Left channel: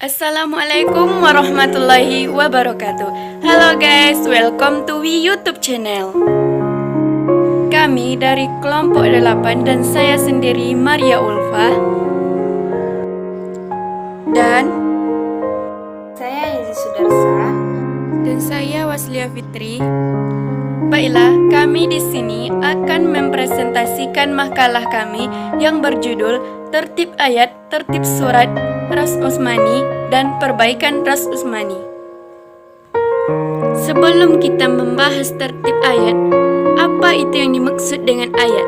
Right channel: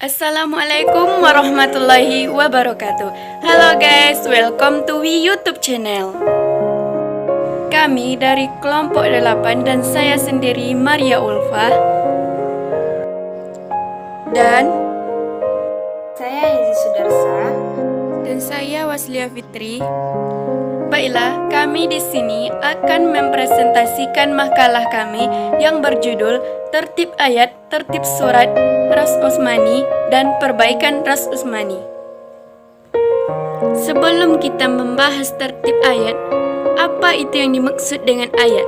Assalamualaikum warahmatullahi wabarakatuh. Halo guys, welcome to We YouTube channel. Kami dari kelompok 8 dan saya sendiri Maria Ulfa. Dan saya Yezi Sudarsa. Dan saya Waslia Fitri. Baiklah, kami di sini akan mempresentasikan makalah kami yang berjudul Tertib Ayat, Tertib Surat Ras Usmani dan Perbaikan Ras Usmani. Sebelum kita membahas tertib ayat, apa itu yang dimaksud dengan ayat?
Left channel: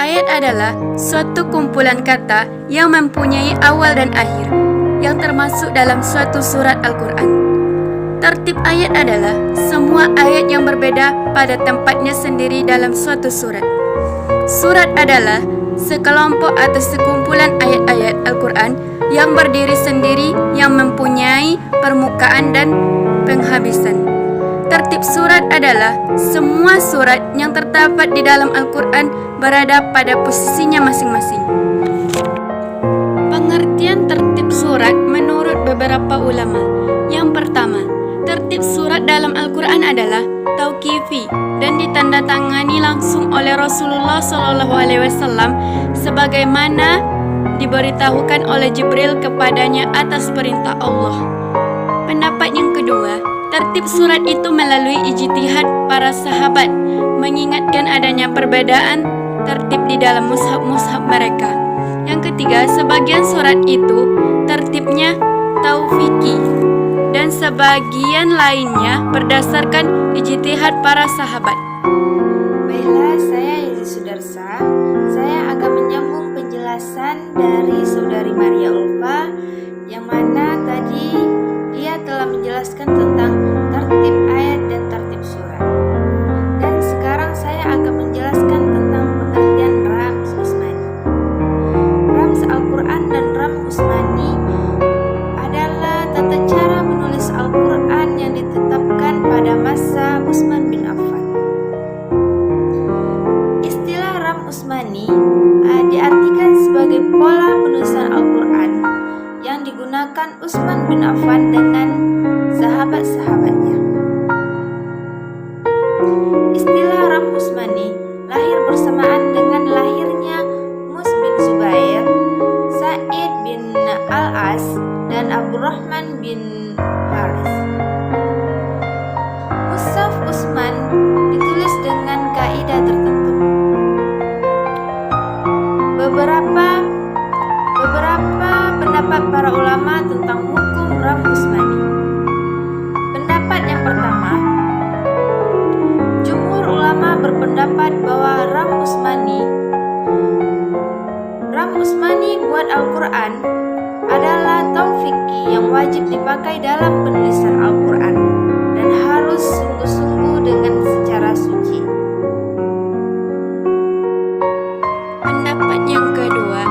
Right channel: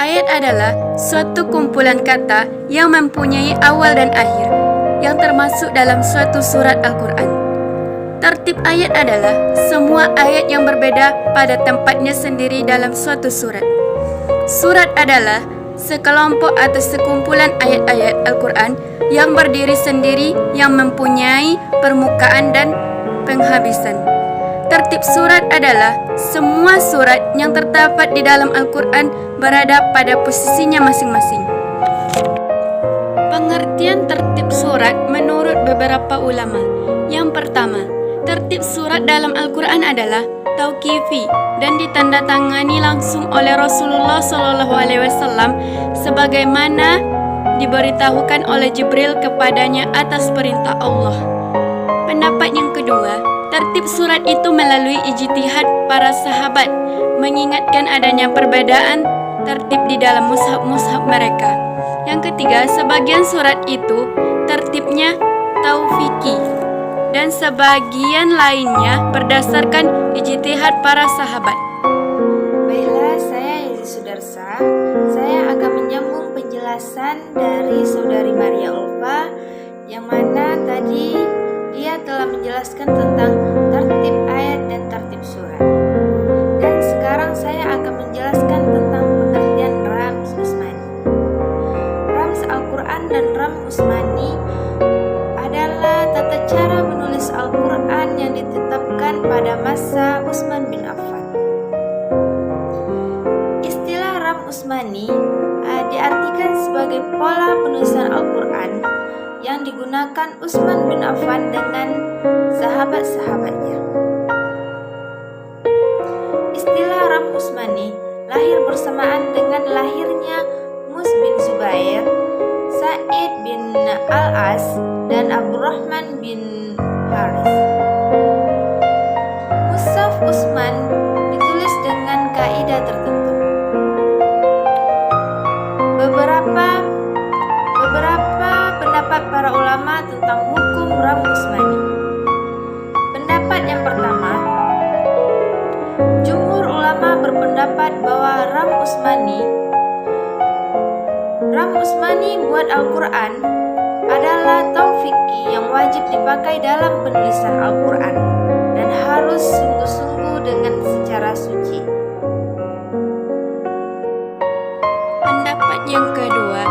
Ayat adalah suatu kumpulan kata yang mempunyai awal dan akhir, yang termasuk dalam suatu surat Al-Quran. Tertib ayat adalah semua ayat yang berbeda pada tempatnya sendiri dalam suatu surat. Surat adalah sekelompok atau sekumpulan ayat-ayat Al-Quran yang berdiri sendiri yang mempunyai permukaan dan penghabisan. Tertib surat adalah semua surat yang terdapat di dalam Al-Quran berada pada posisinya masing-masing. Pengertian tertib surat menurut beberapa ulama. Yang pertama, tertib surat dalam Al-Quran adalah tauqifi dan ditandatangani langsung oleh Rasulullah SAW sebagaimana diberitahukan oleh Jibril kepadanya atas perintah Allah. Pendapat yang kedua, tertib surat itu melalui ijtihad para sahabat, mengingatkan adanya perbedaan tertib di dalam mushaf-mushaf mereka. Yang ketiga, sebagian surat itu tertibnya tauqifi dan sebagian lainnya berdasarkan ijtihad para sahabat. Baiklah, saya Yezi Sudarsa. Saya akan menyambung penjelasan dari saudari Maria Ulfa, yang mana tadi dia telah menjelaskan tentang tertib ayat dan tertib surat. Dan sekarang saya akan menjelaskan tentang pengertian Rams Usmani. Rams Al-Quran dan Rams Usmani adalah tata cara menulis Al-Quran yang ditetapkan pada masa Utsman bin Affan. Istilah Ram Usmani diartikan sebagai pola penulisan Al-Quran yang digunakan Utsman bin Affan dengan sahabat-sahabatnya. Istilah Ram Usmani lahir bersamaan dengan lahirnya Mus bin Zubair, Sa'id bin Al-As, dan Abdurrahman bin Haris. Mushaf Utsman ditulis dengan kaidah tertentu. Beberapa pendapat para ulama tentang hukum Ram Usmani. Pendapat yang pertama, jumhur ulama berpendapat bahwa Ram Usmani buat Al-Quran adalah tauqifi yang wajib dipakai dalam penulisan Al-Quran dan harus sungguh-sungguh dengan secara suci. Pendapat yang kedua,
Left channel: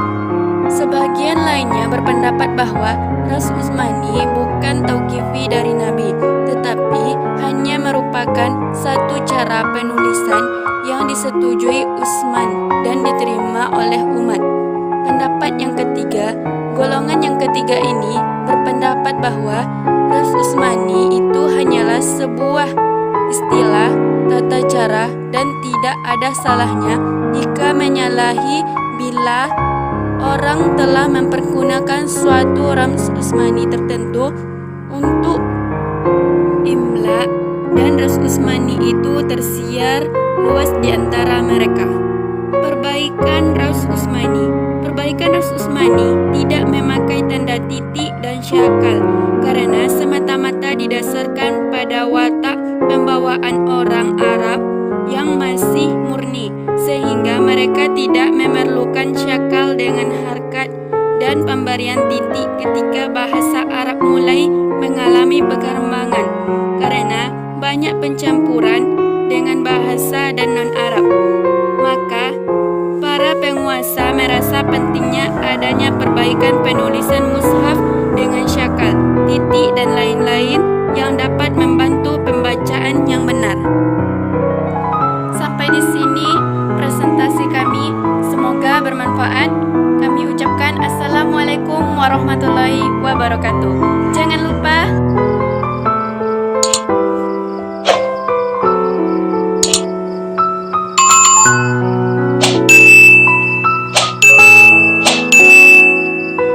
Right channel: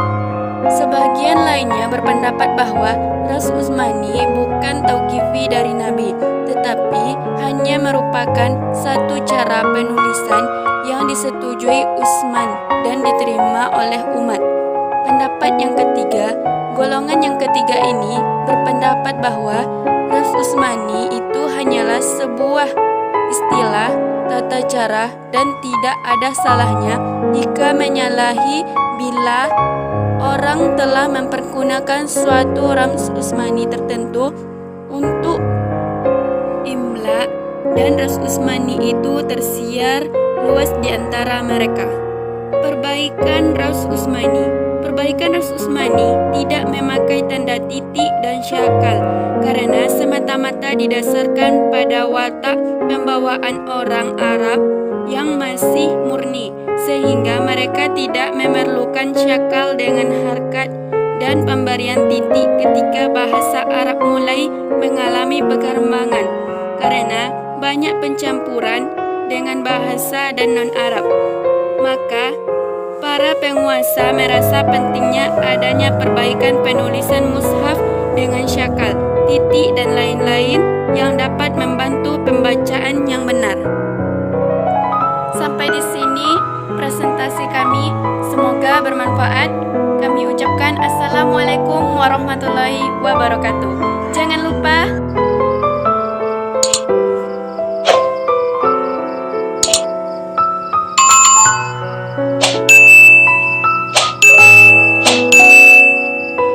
sebagian lainnya berpendapat bahwa Ras Usmani bukan tauqifi dari Nabi, tetapi hanya merupakan satu cara penulisan yang disetujui Utsman dan diterima oleh umat. Pendapat yang ketiga, golongan yang ketiga ini berpendapat bahwa Ras Usmani itu hanyalah sebuah istilah tata cara dan tidak ada salahnya jika menyalahi bila orang telah mempergunakan suatu Rams Usmani tertentu untuk imla dan Ras Usmani itu tersiar luas di antara mereka. Perbaikan Ras Usmani. Perbaikan Ras Usmani tidak memakai tanda titik dan syakal karena semata-mata didasarkan pada watak pembawaan orang Arab yang masih murni, sehingga mereka tidak memerlukan syakal dengan harkat dan pemberian titik ketika bahasa Arab mulai mengalami perkembangan karena banyak pencampuran dengan bahasa dan non-Arab. Maka para penguasa merasa pentingnya adanya perbaikan penulisan mushaf dengan syakal, titik dan lain-lain yang dapat membantu pembacaan yang benar. Sampai di sini presentasi kami, semoga bermanfaat. Kami ucapkan assalamualaikum Wassalamualaikum warahmatullahi wabarakatuh. Jangan lupa